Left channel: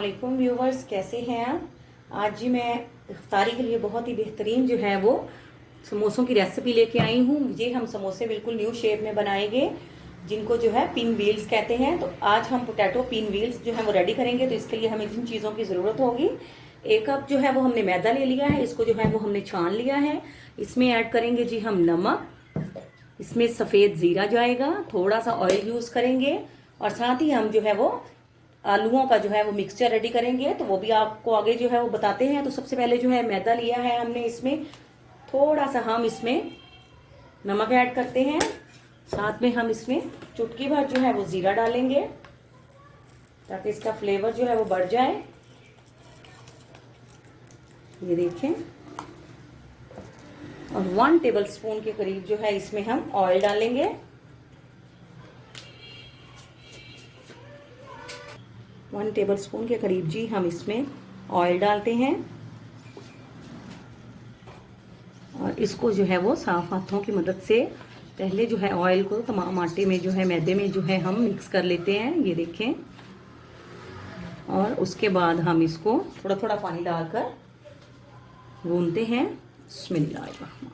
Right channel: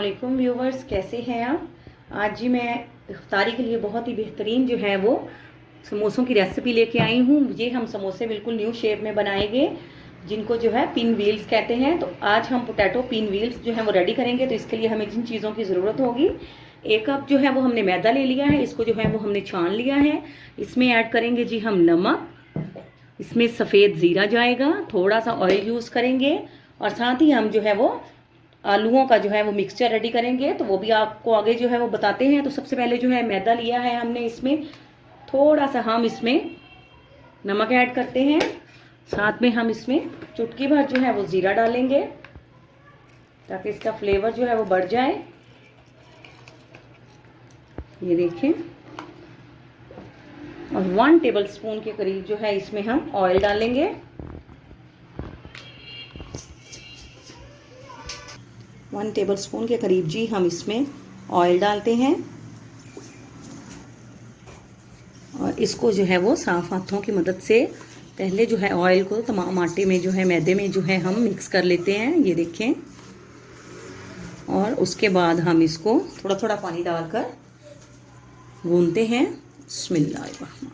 वालेकुम व्यूवर्स, कैसे हैं आप। आज जी मैं इफ्तारी के लिए बहुत ही बेहतरीन जो है वो समोसों की रेसिपी लेके आई हूँ। ये हम समोसे बिल्कुल न्यू शेप में बनाएंगे, जिनको जो है पिन व्हील्स कहते हैं। तो आज हम पोटैटो पिन व्हील्स जो है वो रेडी करेंगे। तो इसके लिए हमें जिन चीज़ों की ज़रूरत होगी, 1 कप जो है वो हमने मैदा ले लिया है, इसको जो है वो हमने छान लिया है। इसमें ऐड करेंगे जी हम नमक, इसमें सफ़ेद ज़ीरा जाएगा, थोड़ा सा ऑयल यूज़ करेंगे और साथ ही हम जो है वो आलूओं का जो है वो मिक्सचर रेडी करेंगे। तो वो भी आपको आगे जो है वो बताते हैं। तो सबसे पहले जो है मैदा लिया है हमने, इसमें थोड़ा सा हम इसमें नमक ऐड करते हैं, साथ में हम इसमें चुटकी भर जो है वो ज़ीरा डालेंगे ताकि इसका फ्लेवर जो है वो बढ़ जाए। ये देखें, और 1 टेबल स्पून के करीब जो है इसमें हम ऑयल डालेंगे। 1 टेबल स्पून के करीब जी हम इसमें ऑयल डालते हैं और इसको जो है वो साफ हाथों की मदद से पहले जो है ऑयल को तमाम आटे में जो है मैदे में जो है हम मिक्स कर लेते हैं। ये देखें, और उसके बाद हम इसको थोड़ा थोड़ा पानी डालकर गूंथते हैं। बिस्मिल्लाहिर्रहमानिर्रहीम।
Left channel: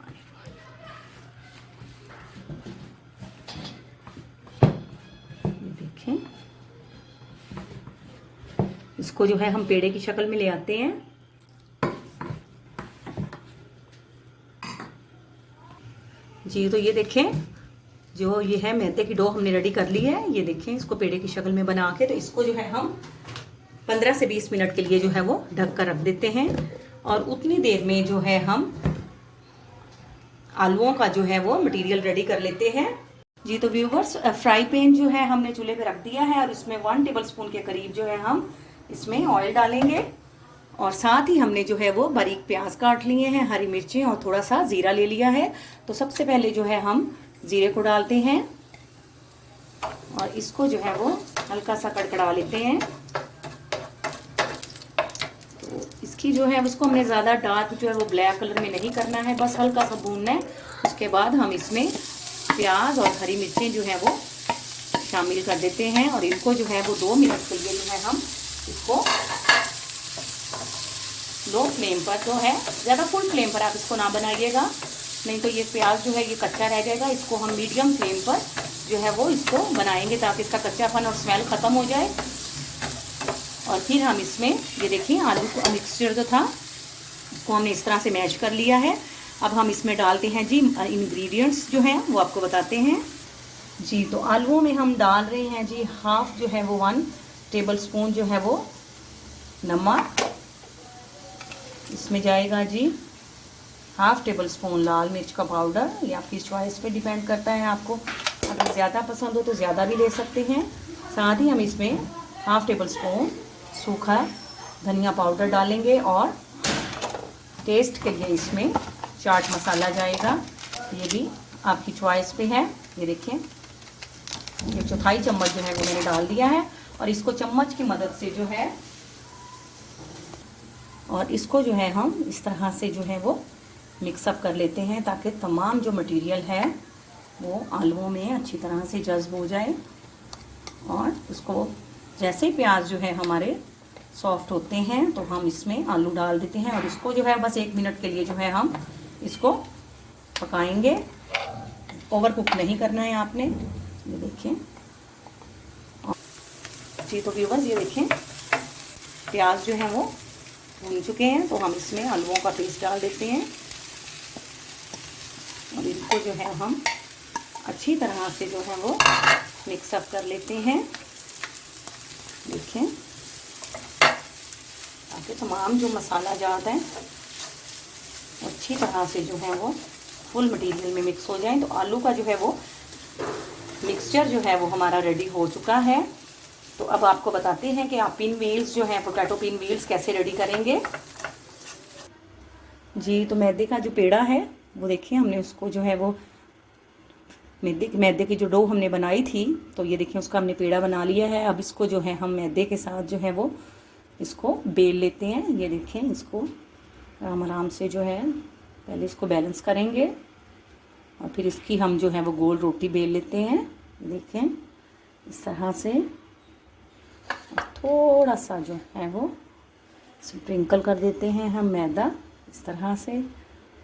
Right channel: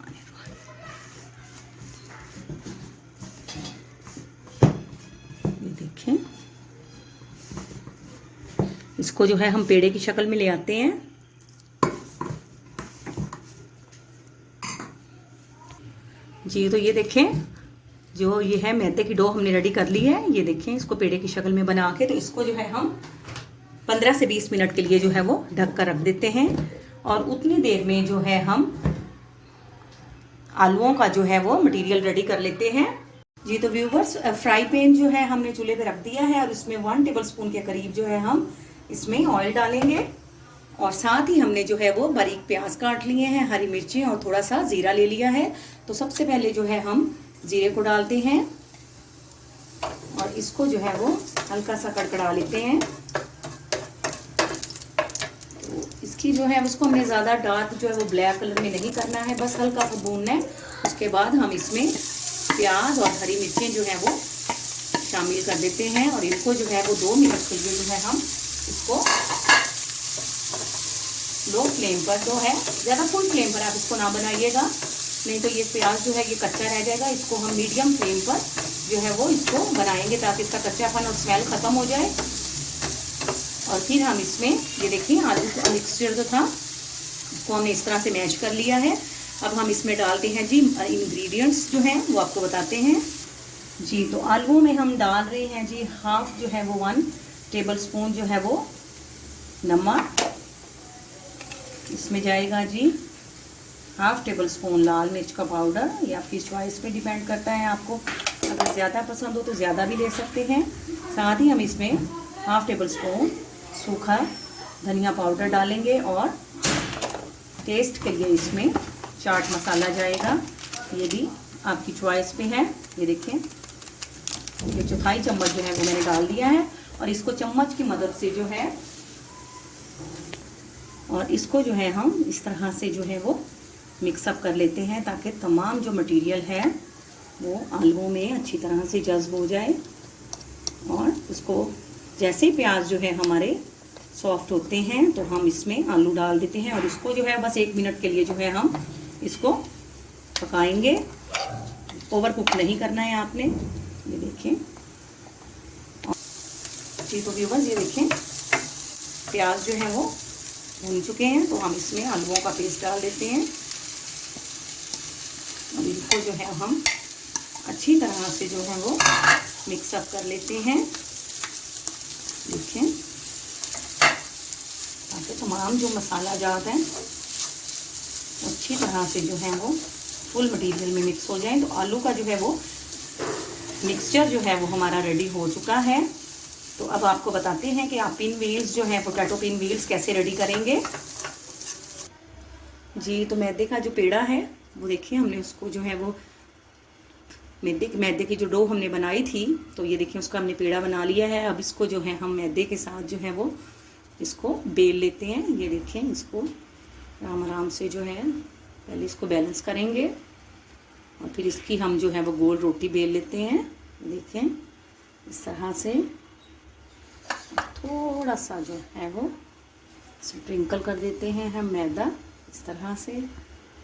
ये देखें, इसको जो है हम पेड़े की शक्ल में ले आते हैं। जी तो ये देखें, जो ये है मैदे की डो हमने रेडी कर ली है। ये देखें, इसको पेड़े की शक्ल में बना के तो इसको जो है हम 15 से 20 मिनट के लिए जो है वो ढक कर रख देते हैं। और उतनी देर में जो है हम आलूओं का जो है वो मटेरियल रेडी कर लेते हैं। जी तो व्यूवर्स, फ्राई पैन जो है हमने चूल्हे पे रख दिया है और उसमें 1 टेबल स्पून के करीब जो है हम इसमें ऑयल डालेंगे और साथ ही हमने जो है वो बारीक प्याज काट लिए हैं, हरी मिर्चें और थोड़ा सा ज़ीरा ले लिया है। तो सबसे पहले जो है हम ज़ीरे को डालते हैं और इसको जो है वो हल्का सा कड़कड़ा लेते हैं। तो इसकी जो है उसको हमने ज़्यादा डार्क जो है वो ब्लैक कलर में नहीं करना है, बस हल्का सा भूनना है। उसके बाद हम इसमें प्याज और हरी मिर्चें जो है वो शामिल कर देते हैं और इनको जो है वो 2 मिनट के लिए जो है हम इसको लो फ्लेम पर जो है, ज़्यादा फुल फ्लेम पर आप इसको ना बनाइएगा, नहीं तो ये प्याज जो है ये कच्चा रह जाएगा। इसको हम मीडियम फ्लेम पर जो है वो इसको बनाएंगे ताकि इसका कच्चापन और स्मेल ख़त्म हो जाए। और फिर हम इसमें ये देखिए आलू का मिक्सचर जो था इसको हमने इस तरह से मैश कर लिया है। अब हम इसमें डालते हैं जी इंग्रेडिएंट्स जो हैं वो आपको बताते हैं। जी तो आलूओं में हम डाल रहे हैं जी हाफ जो है वो 1 टेबल स्पून जो है वो नमक, इसमें जाएगा जी हाफ टेबल स्पून लाल मिर्च का पाउडर। ये आपकी चॉइस पे डिपेंड करता है, आपको अगर ज़्यादा पसंद हो तो ज़्यादा भी ले सकते हैं। साथ ही हम इसमें हाफ टेबल स्पून सूखा धनिया पाउडर डालेंगे और टेस्ट के लिए इसमें चाट मसाला जाएगा, ये भी आपकी चॉइस पे है। ये देखें, ये 1/4 चम्मच जो है वो मैंने डाल दिया है और इसको चम्मच की मदद से जो है और इसको जो है हम इस तरह से जो है वो मिक्सअप कर लेते हैं ताकि तमाम जो मटेरियल है वो आलूओं में अच्छी तरह से जज्ब हो जाए। और उसको जैसे प्याज जो है हमारे सॉफ्ट होते हैं तो हम इसमें आलू डाल देते हैं और इसको जो है बस 1 मिनट के लिए जो है हम इसको पकाएंगे। ओवर कुक नहीं करना है आपने। ये देखें जी तो व्यूअर्स, ये देखें प्याज जो है वो भून चुके हैं। तो हम इसमें आलूओं का पेस्ट डाल देते हैं और इसको जो है हम अच्छी तरह से जो है वो मिक्सअप कर लेते हैं। देखें, ताकि तमाम जो मसाला जात है अच्छी तरह से जो है वो फुल मटेरियल में मिक्स हो जाए। तो आलू का जो है वो मिक्सचर जो है वो हमारा रेडी हो चुका है। तो अब आपको बताते हैं कि आप पिन व्हील्स जो हैं पोटैटो पिन व्हील्स कैसे रेडी करेंगे। जी तो मैदे का जो पेड़ा है वो देखिए, हमने उसको जो है वो मैदे की जो डो हमने बनाई थी तो ये देखिए उसका हमने पेड़ा बना लिया है। अब इसको जो है हम मैदे के साथ जो है वो इसको बेल लेते हैं। ये देखें, इसको आराम आराम से जो है पहले इसको बैलेंस करेंगे और फिर इसकी हम जो है वो गोल रोटी बेल लेते हैं। देखें इस तरह से थोड़ा सा जो है वो स्प्रिंकल कर देते हैं हम मैदा इस तरह से,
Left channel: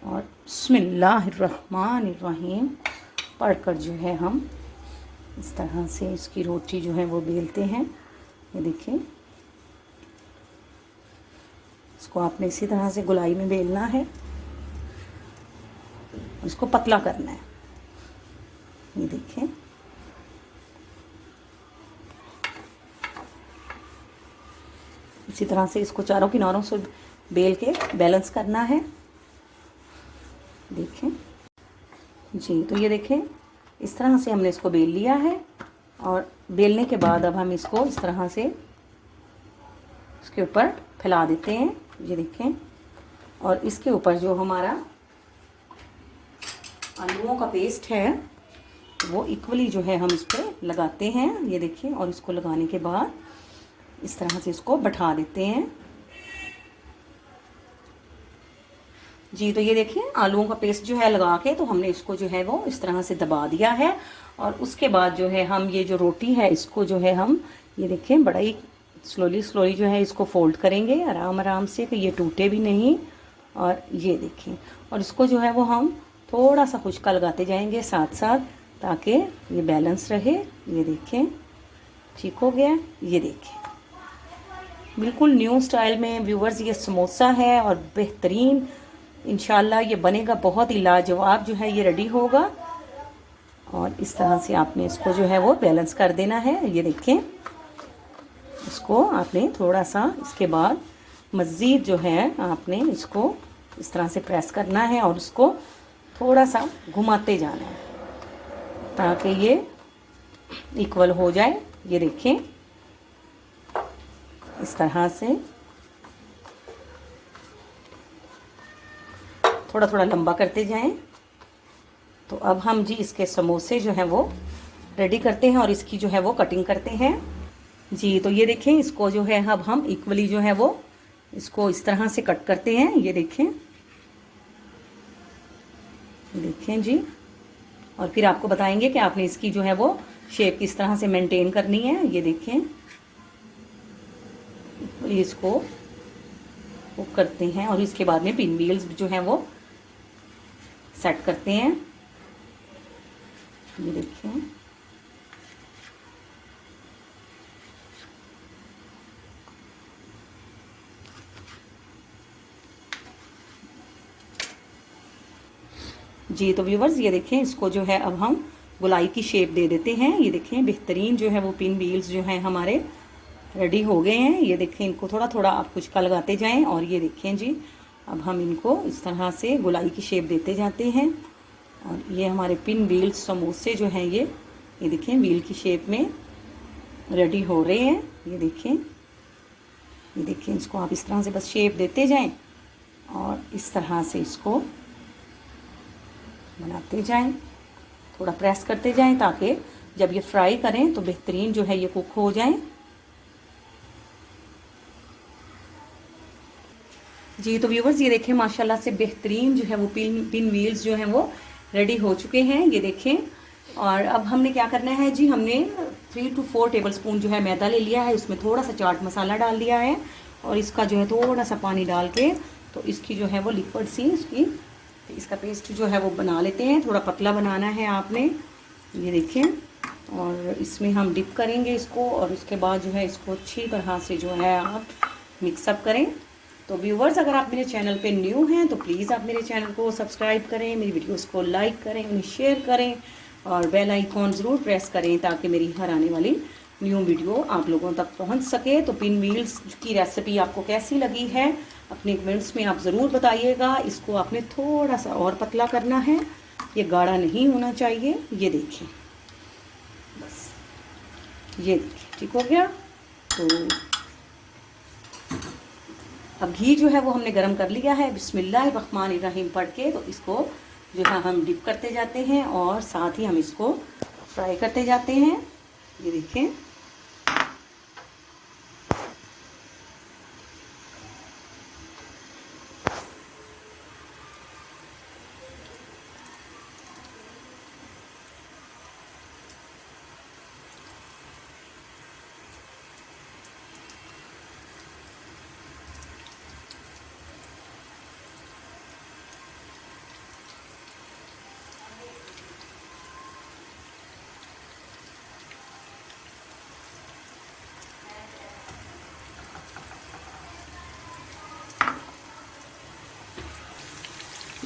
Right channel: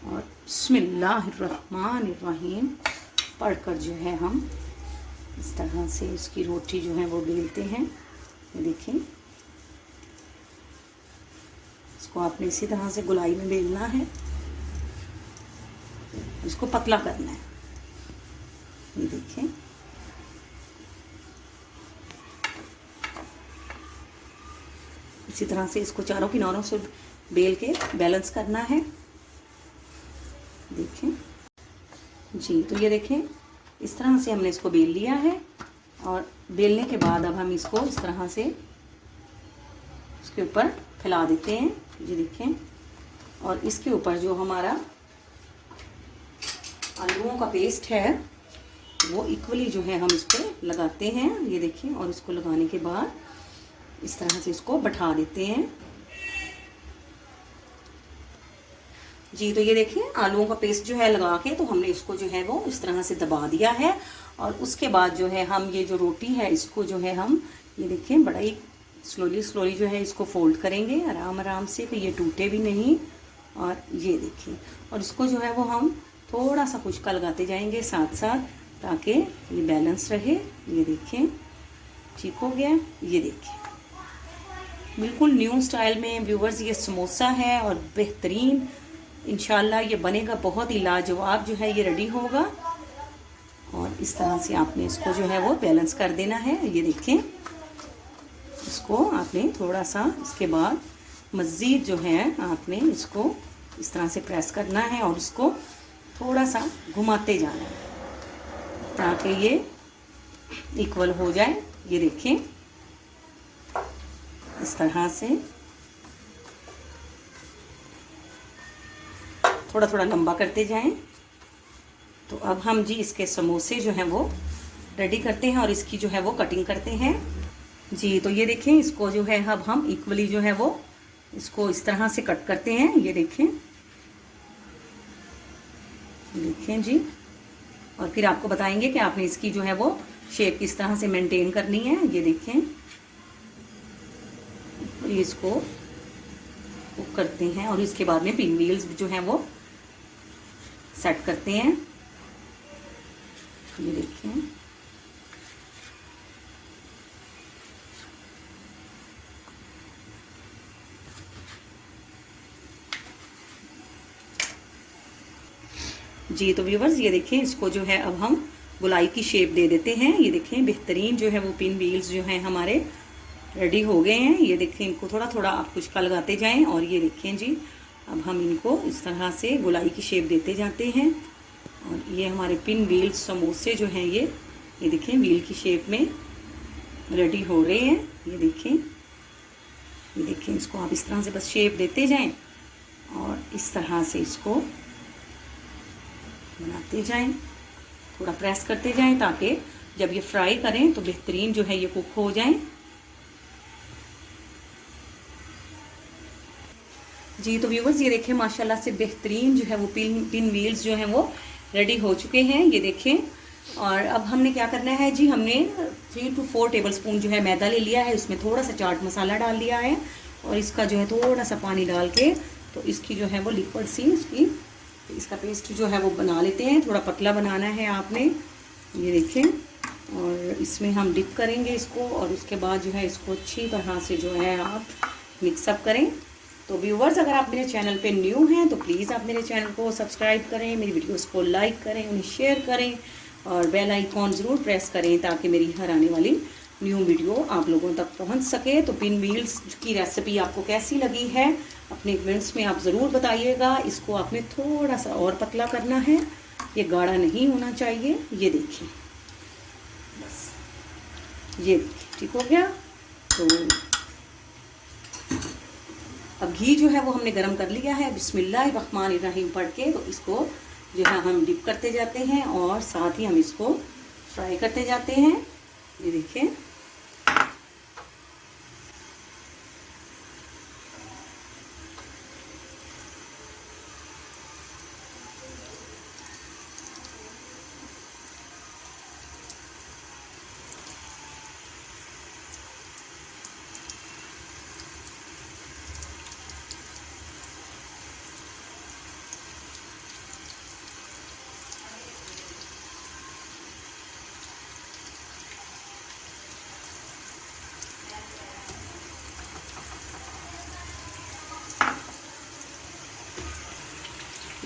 और बिस्मिल्लाहिर्रहमानिर्रहीम पढ़कर जो है हम इस तरह से इसकी रोटी जो है वो बेलते हैं। ये देखिए, इसको आपने इसी तरह से गोलाई में बेलना है, इसको पतला करना है। ये देखिए, इसी तरह से इसको चारों किनारों से बेल के बैलेंस करना है। देखिए जी, तो ये देखें इस तरह से हमने इसको बेल लिया है, और बेलने के बाद अब हम इसको इस तरह से इसके ऊपर फैला देते हैं। ये देखें, और इसके ऊपर जो हमारा आलूओं का पेस्ट है वो इक्वली जो है हम इस पर लगाते हैं। ये देखें, और इसको लगाने के बाद इस तरह से इसको बैठा देते हैं। जी, तो ये देखिए आलूओं का पेस्ट जो है लगा के तो हमने इसको जो है वो इस तरह से दबा दिया है, और उसके बाद जो है हम ये जो रोटी है इसको जो है हम ये देखें बड़ा ही स्लोली जो है इसको फोल्ड करेंगे आराम आराम से कि ये टूटे भी नहीं। और ये देखिए, और इसको जो है वो हम थोड़ा सा खुशका लगाते जाएंगे साथ साथ, ताकि ये बैलेंस रहे। ये देखें ठीक हो गया। ये देखिए बिल्कुल न्यू स्टाइल में व्यूवर्स ये समोसा है, और बेहतरीन इंशाल्लाह ये बनेगा, बहुत ही लाजवाब जो है ये रेडी होगा। और इस तरह से आपने इसको जो है वो बैलेंस कर देना है। ये देखें, इसको आपने थोड़ा सा इसके बाद मज़ीद जो है आपने इसको इस तरह से प्रेस करना है, और इसको थोड़ा सा घुमाते जाना है ताकि ये इक्वल हो जाए। ये देखें इस तरह से थोड़ा थोड़ा लंबा करते जाएं। तो अब हम जी इसके समोसे जो हैं वो रेडी करते हैं, और इसकी जो है वो कटिंग करते हैं। जी, तो ये देखें, इसको जो है अब हम इक्वली जो है वो इसको इस तरह से कट करते हैं। ये देखें जी, और फिर आपको बताएंगे कि आपने इसकी जो है वो शेप किस तरह से मेंटेन करनी है। ये देखें, इसको वो करते हैं, और इसके बाद में पिन व्हील्स जो हैं वो सेट करते हैं। ये देखें, जी, तो व्यूवर्स ये देखें, इसको जो है अब हम गोलाई की शेप दे देते हैं। ये देखें बेहतरीन जो है वो पिन व्हील्स जो हैं हमारे रेडी हो गए हैं। ये देखें, इनको थोड़ा थोड़ा आप कुछ का लगाते जाएं, और ये देखें जी अब हम इनको इस तरह से गोलाई की शेप देते जाते हैं, और ये हमारे पिन व्हील्स समोसे जो हैं ये देखें व्हील की शेप में रेडी हो रहे हैं। ये देखें, इसको आप इस तरह से बस शेप देते जाएं, और इस तरह से इसको बनाते जाएं, थोड़ा प्रेस करते जाएं ताकि जब ये फ्राई करें तो बेहतरीन जो है ये कुक हो जाएं। जी, तो व्यूवर्स ये देखें माशाल्लाह से बेहतरीन जो है वो पिन व्हील्स जो हैं वो रेडी हो चुके हैं। ये देखें, और अब हमने क्या करना है जी, हमने 3 to 4 टेबलस्पून जो है मैदा ले लिया है, उसमें थोड़ा सा चाट मसाला डाल दिया है, और इसका जो है थोड़ा सा पानी डाल के तो इसकी जो है वो लिक्विड सी इसका पेस्ट जो है वो बना लेते हैं। थोड़ा पतला बनाना है आपने। ये देखें, और इसमें हम डिप करेंगे इसको, और उसके बाद जो है इसको अच्छी तरह से जो है आप मिक्सअप करें। तो व्यूवर्स अगर आप मेरे चैनल पे न्यू हैं तो प्लीज़ आप मेरे चैनल को सब्सक्राइब करें, मेरी वीडियोस को लाइक करें, उन्हें शेयर करें, और बेल आइकॉन ज़रूर प्रेस करें ताकि मेरी हर आने वाली न्यू वीडियो आप लोगों तक पहुंच सके। तो पिन व्हील्स की रेसिपी आपको कैसी लगी है अपने कमेंट्स में आप ज़रूर बताइएगा। इसको आपने थोड़ा सा और पतला करना है, ये गाढ़ा नहीं होना चाहिए। ये देखिए, बस ये देखिए ठीक हो गया। तो अब घी जो है वो हमने गरम कर लिया है, बिस्मिल्लाहिर्रहमानिर्रहीम पढ़ के तो इसको जो है हम डिप करते जाते हैं, और साथ ही हम इसको फ्राई करते जाते हैं। ये देखिए,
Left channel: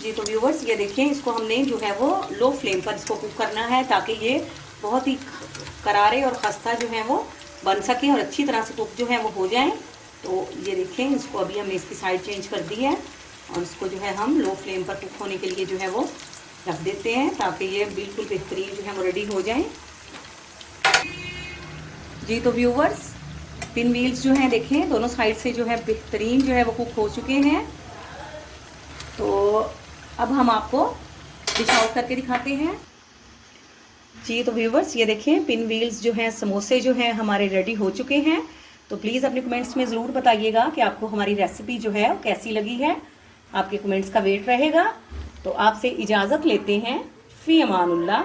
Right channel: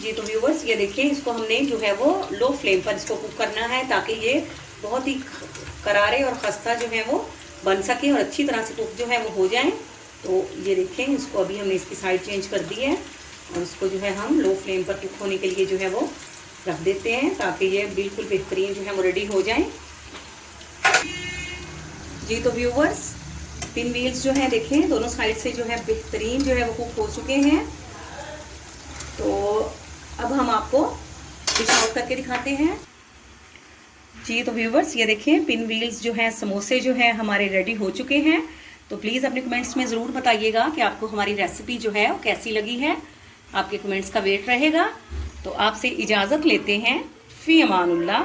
जी तो व्यूवर्स ये देखिए, इसको हमने जो है वो लो फ्लेम पर इसको कुक करना है, ताकि ये बहुत ही करारे और खस्ता जो है वो बन सके और अच्छी तरह से कुक जो है वो हो जाए। तो ये देखें, इसको अभी हमने इसकी साइड चेंज कर दी है और इसको जो है हम लो फ्लेम पर कुक होने के लिए जो है वो रख देते हैं, ताकि ये बिल्कुल बेहतरीन जो है वो रेडी हो जाए। जी तो व्यूवर्स, पिन व्हील्स जो हैं देखें दोनों साइड से जो है बेहतरीन जो है वो कुक हो चुके हैं। तो अब हम आपको डिश आउट करके दिखाते हैं। जी तो व्यूवर्स ये देखें, पिन व्हील्स जो हैं, समोसे जो हैं हमारे रेडी हो चुके हैं। तो प्लीज़ अपने कमेंट्स में ज़रूर बताइएगा कि आपको हमारी रेसिपी जो है कैसी लगी है। आपके कमेंट्स का वेट रहेगा। तो आपसे इजाज़त लेते हैं। फ़ी अमानुल्लाह।